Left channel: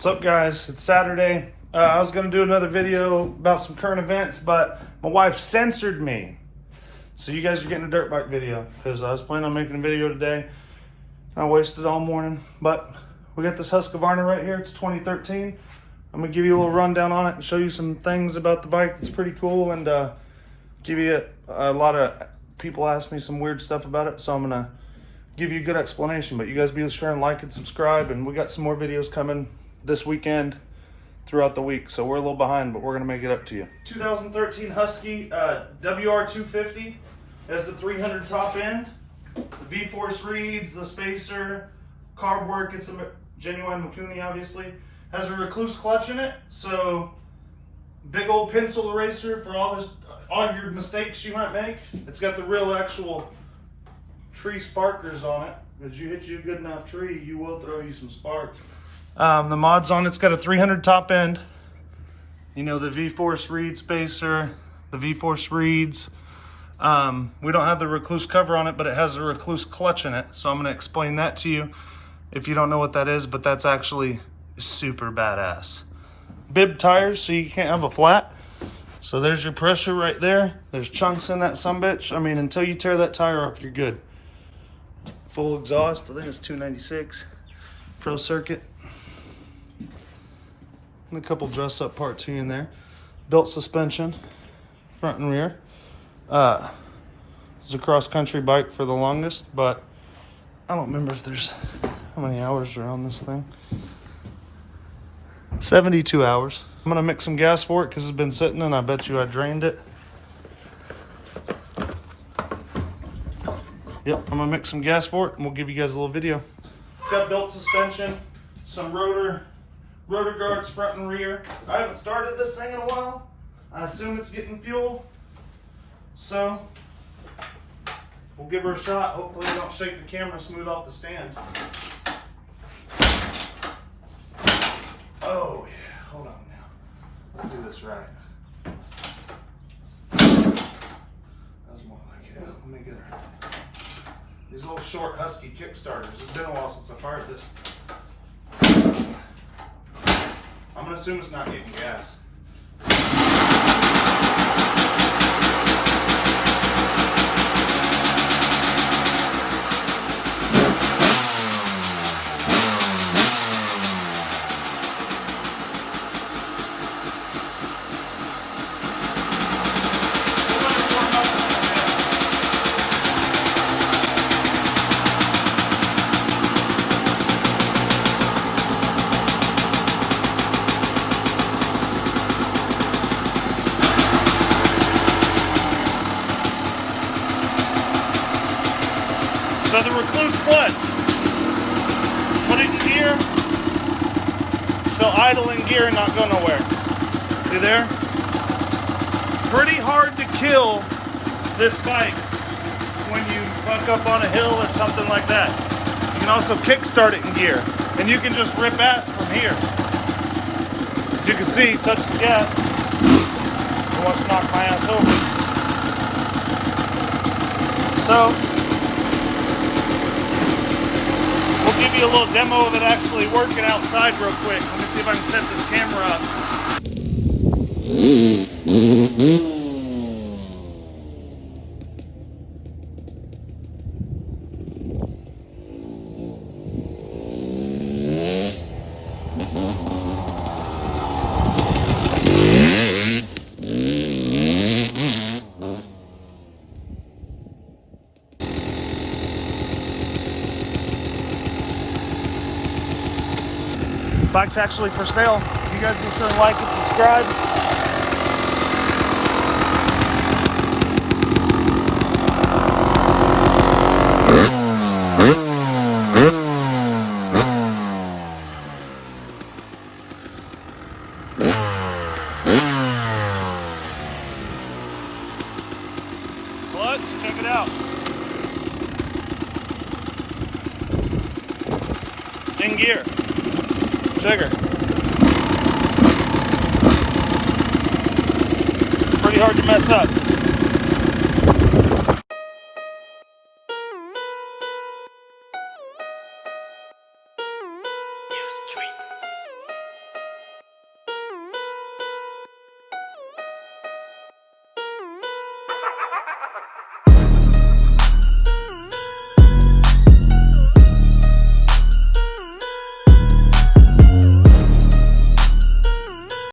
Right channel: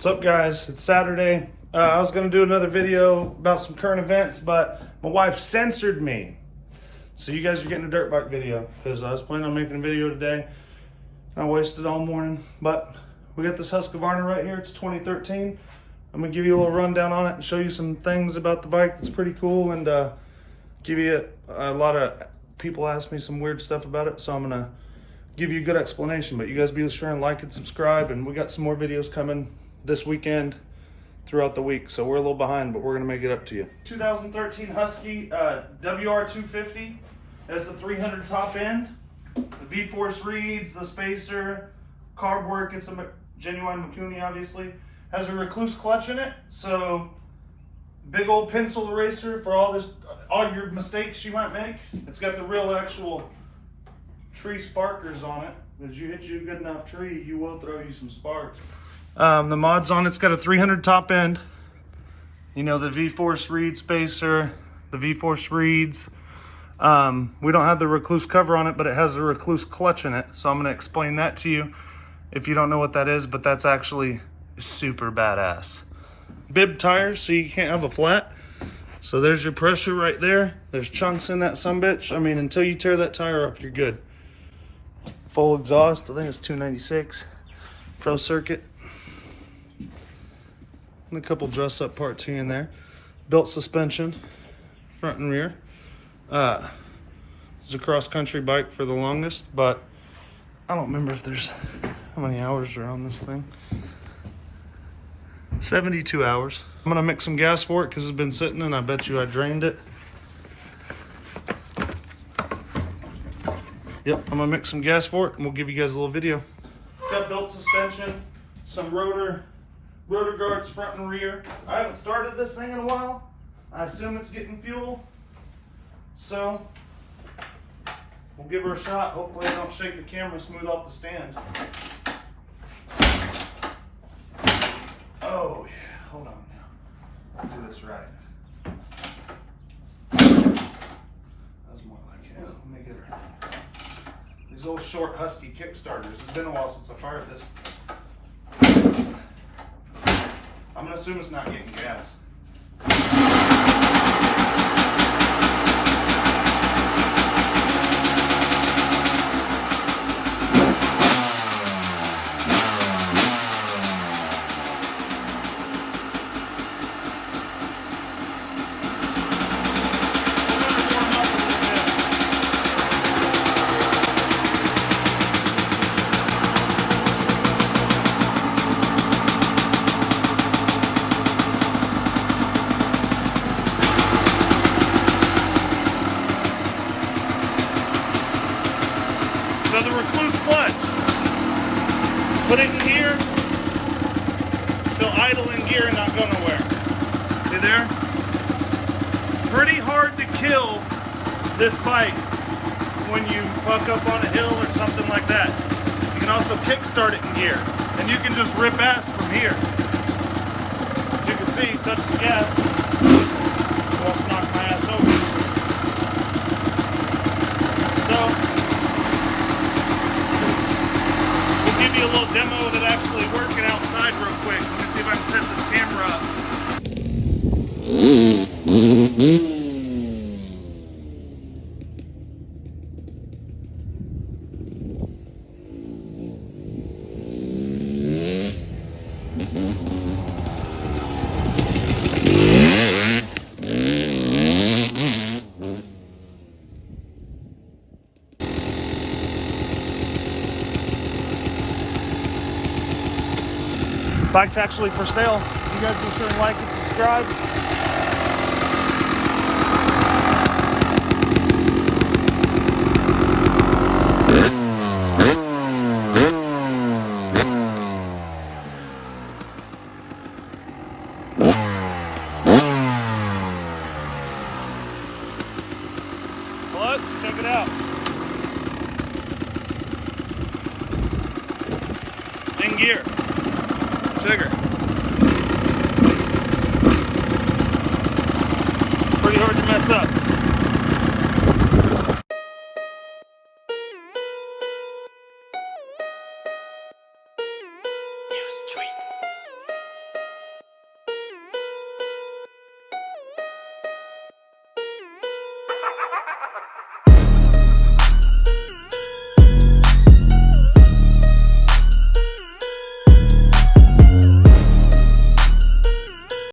What's up, guys? It's Saturday. I was going to do another video about some current events, but my wife censored me. So you guys are getting a dirt bike video because I was planning on making a video today. I wasted all morning, but we got this Husqavarna right here. It's 2013. I'm going to give you a little rundown on it and show you some things about the bike that's pretty cool, and give you a lot of people ask me some weird stuff about it, so I'm going to give you a good explanation. But you guys be sure and like and subscribe, and we got some more videos coming this weekend throughout the week, so we're a little behind, but we're gonna make it up to you. 2013 Husky WR250 has the 300 top end, the V-force reeds, the spacer, carb work. It's a genuine Mikuni, obviously. Has a rekluse clutch in it, so big old pencil eraser for all your mistakes you might make. It's got the real actual tree sparkers on it. As you hit you a good enough tree, you will throw you some sparks. The mods on it's got a 300 top end. You know, the V-force reed spacer, the V-force reeds. We don't have the rekluse cover on it, but it has a rekluse clutch in it. So I'm gonna explain that to you if you don't know what that is, but that's actually super badass. Bib tires, so you can't have a flat. So there's your pressure right there. There's chunks in that sumbitch. I mean, until you tear that tire off, you're good. Full exhaust, I think it's 296. Pro circuit. And a couple dress up parts here and there. Built suspension, front and rear. It's a cross country bike for the longest, but I don't remember if there's, how many hours are on this thing? 72 hours. I'm gonna mix some gas for it because it's been sitting, and I bet you I drained it. Yep, I'm gonna mix some gas for it and we'll give you guys a little video. It's got built suspension, some rotor guards front and rear. I haven't started this thing in a while. I assume it's getting fuel. So we'll give her a shot. Hopefully I don't shake the camera smooth off the stand. Oh yeah, hold on now. Let's do this right. That's more like it. Let me get her. These old short Husky kickstarters. It's been a while since I fired this. I'm gonna assume it's not getting gas. So the rekluse clutch, put it in gear, she'll idle in gear and not go nowhere. See there? Pretty hard to kill this bike when you fuck up on a hill or something like that. You can also kickstart it in gear, and you can just rip ass from here. As you can see, touch the gas. I want to knock my ass over. So, a little demo of it actually working outside real quick. Let me see if I can set this camera up. Bike's actually for sale. You guys be sure to like and subscribe. Clutch, check it out. In gear. Trigger. Pretty hard to mess up. Street.